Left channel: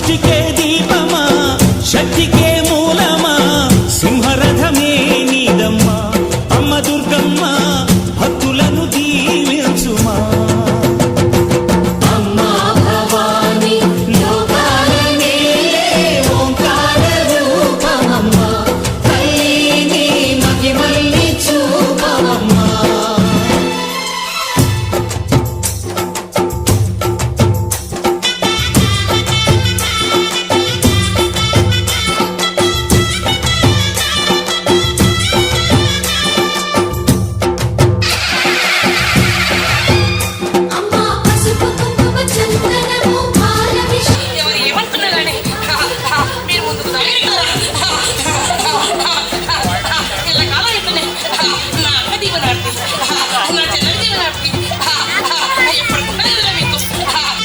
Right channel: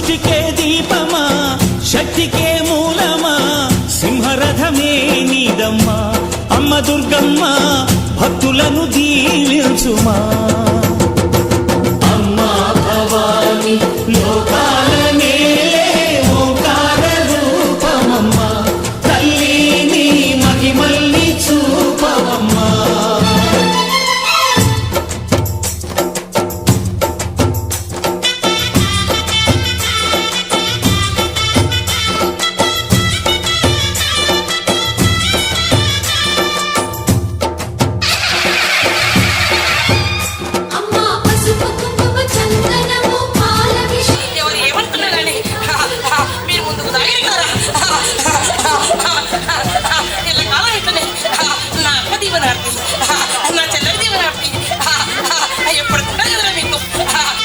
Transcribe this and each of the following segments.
సృష్టికే దీపమా శక్తికే మూలమా సింహరథమే నీదమ్మా అమ్మ దుర్గమ్మ భక్తులను దీవించుమా అమ్మా భవాని లోకాల నేలే ఓంకార రూపమమ్మా తల్లిని మహిమల్ని చూపవమ్మా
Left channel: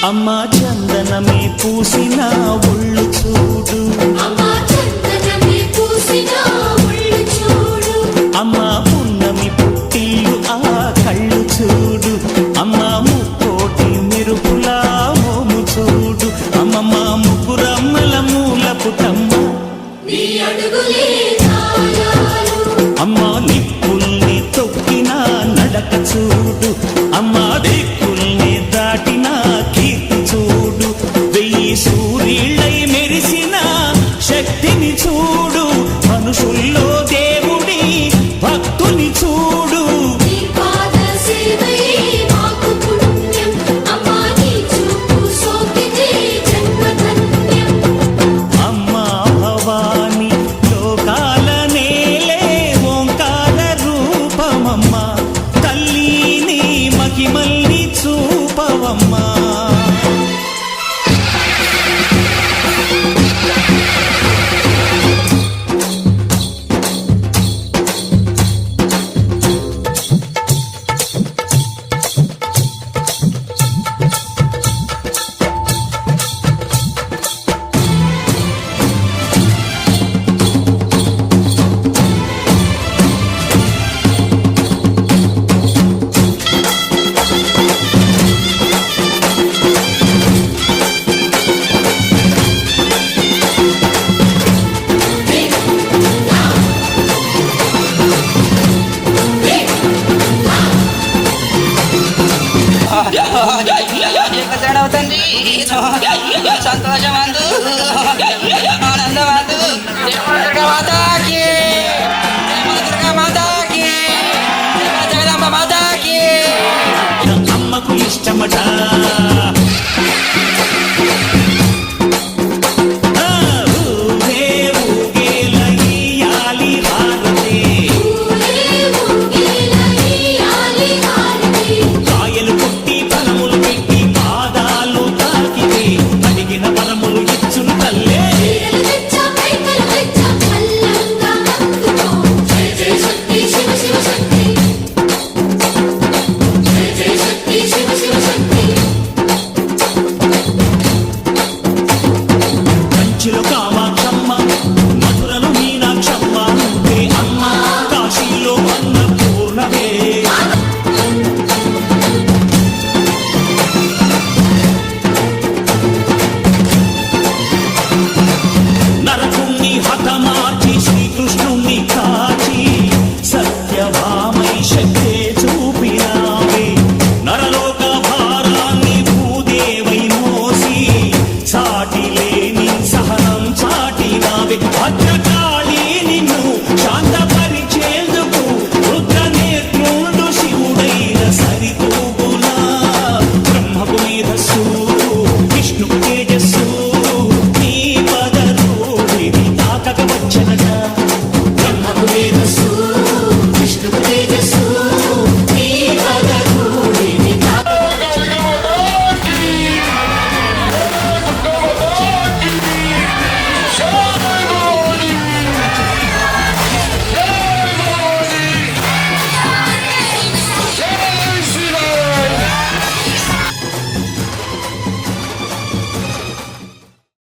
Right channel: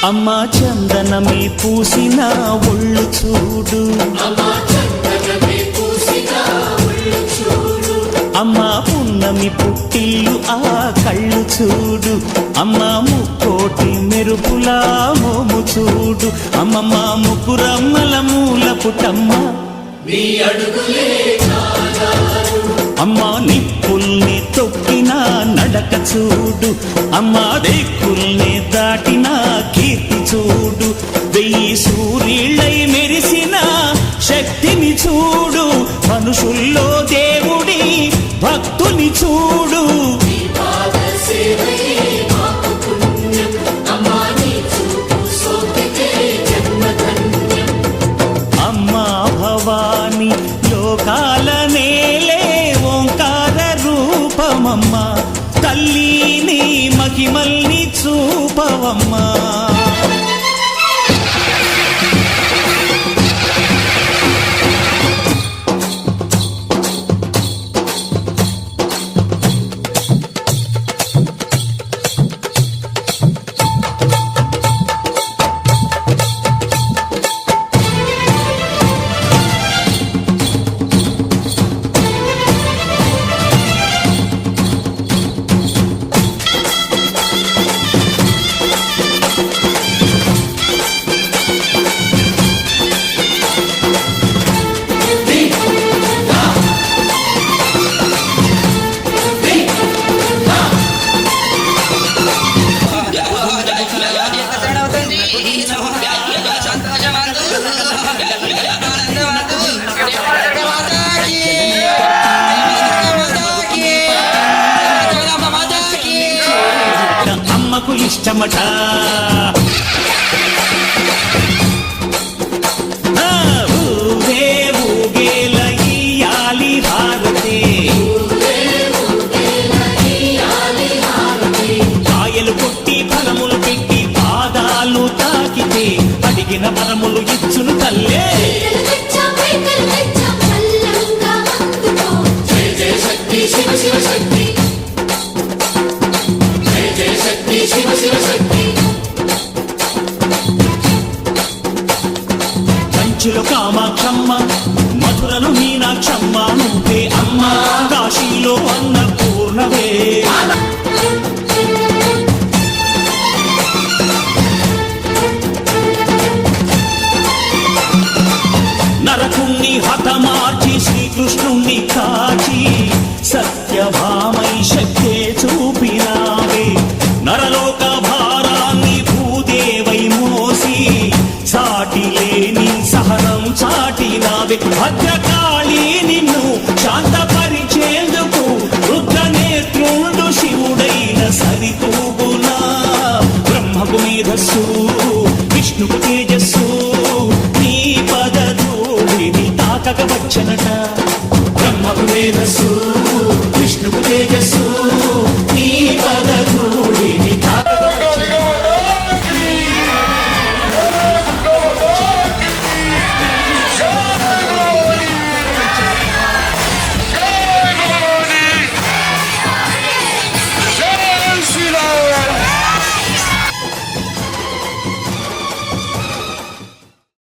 అమ్మా చందనమే పూసిన ఒళ్ళు చూడు అమ్మా పున్నమి పుట్టిల్లు ఆ కళ్ళు చూడు అమ్మా ముక్కోటి మెరుపులా మోము చూడు అమ్మమ్మ ముగ్గురమ్మల మూల పుటమ్మ అమ్మా నిప్పుల్ని తొక్కిన నడక చూడు అమ్మా దిక్కుల్ని దాటిన కీర్తి చూడు 1000 సూర్యుళ్ళై మెరిసిన శక్తిని చూడు మనుషుల్లో దేవుడి భక్తుని చూడు అమ్మా భవాని లోకాల నేలే ఓంకార రూపమమ్మా తల్లిని మహిమల్ని చూపవమ్మా అమ్మకు ఇష్టమట ఊగే ఊగేల ఇయ్యాలి హారతి కాయలు కొట్టి ఫలములు పెట్టి పాదాలు తాకితే అడిగిన వరములు ఇచ్చును తల్లే కంచిలో కామాక్షమ్మ మధురలో మీనాక్షమ్మ నువ్వే అమ్మ కాశీలో అన్నపూర్ణవే నరకుణ్ణి హతమార్చి శ్రీకృష్ణుణ్ణి కాచి సత్యభామై శక్తే చూపినావే నరలోక భారాన్ని భూదేవై మోసి చాటిలేని సహనం చాటినావే భద్రకాళి నిన్ను శాంతపరిచేందుకు రుద్రనేత్రుండు శివుడైన సరితూగునా బ్రహ్మకు మేధస్సు విష్ణుకు తేజస్సు నీ పదధూళిని తాకక వచ్చనట బ్రహ్మకు మేధస్సు విష్ణుకు తేజస్సు